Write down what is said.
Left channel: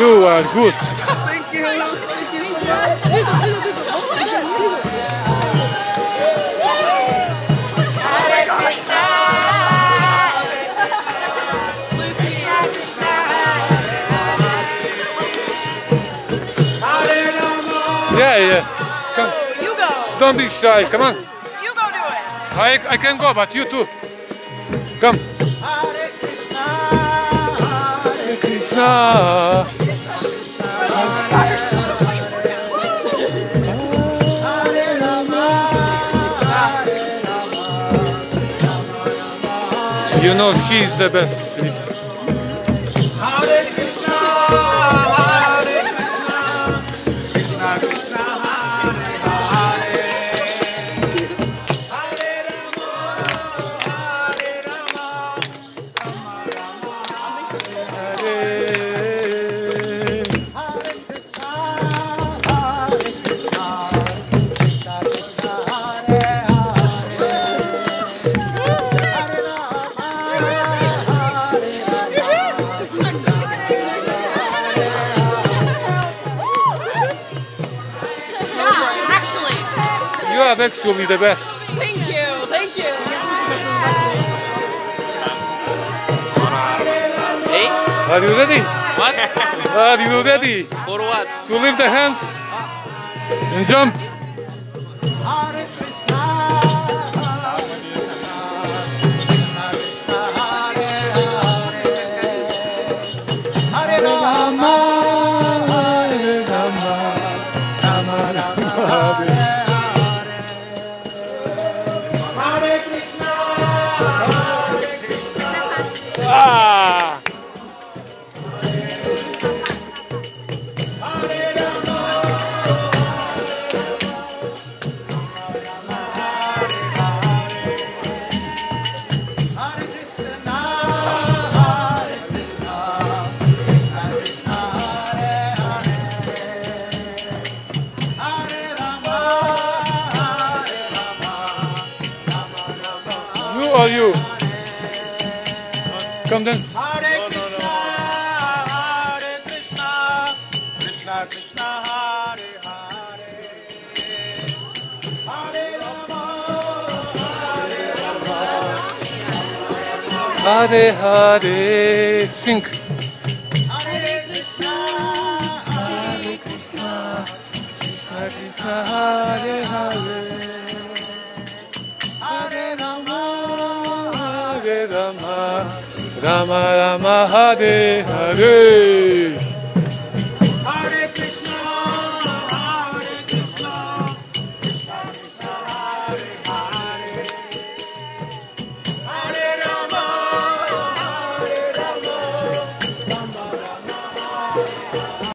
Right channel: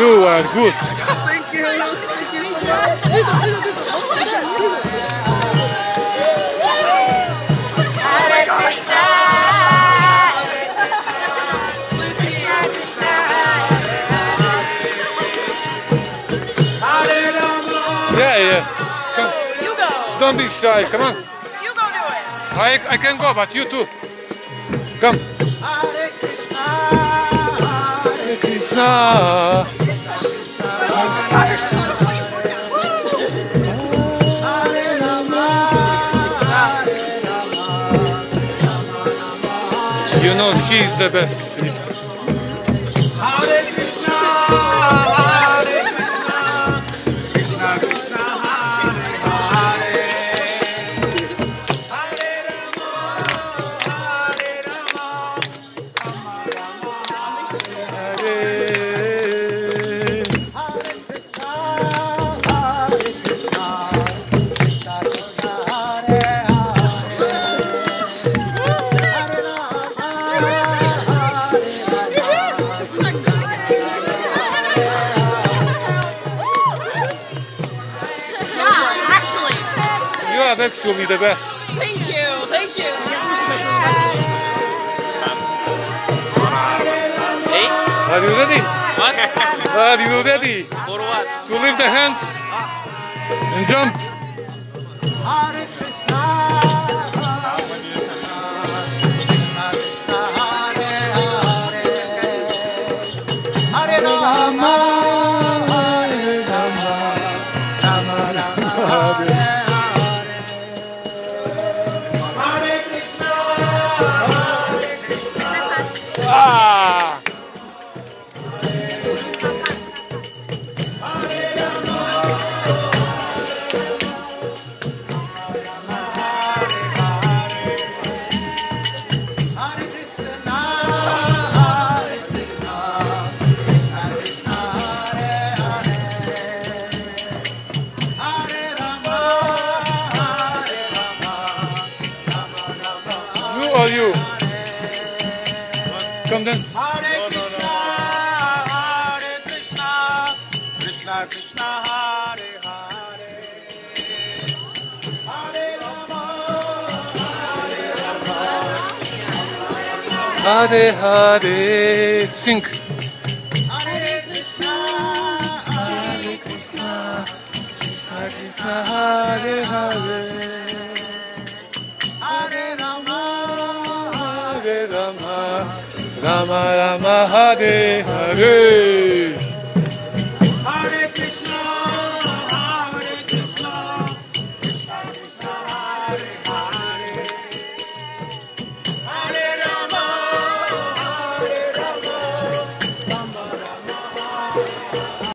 You are good. Thank you. Yeah. You go. Don't be shy. Come on. You go do it. I can go, but you too. Come. Hare Krishna. You know she's the best. You are actually the best. Thank you. Thank you. Hey? Are you ready? What? Are you ready For what? to lift the hands and jump? Hare Krishna, Hare Rama, Hare Rama, Rama Rama, Hare Krishna. Ah! You or you? Come dance. Hare Krishna, Hare Krishna, Krishna Krishna, Hare Hare Hare. Sing. Hare Krishna, Hare Krishna, Krishna Krishna, Hare Hare. Hare Rama, Hare Rama, Rama Rama, Hare Hare.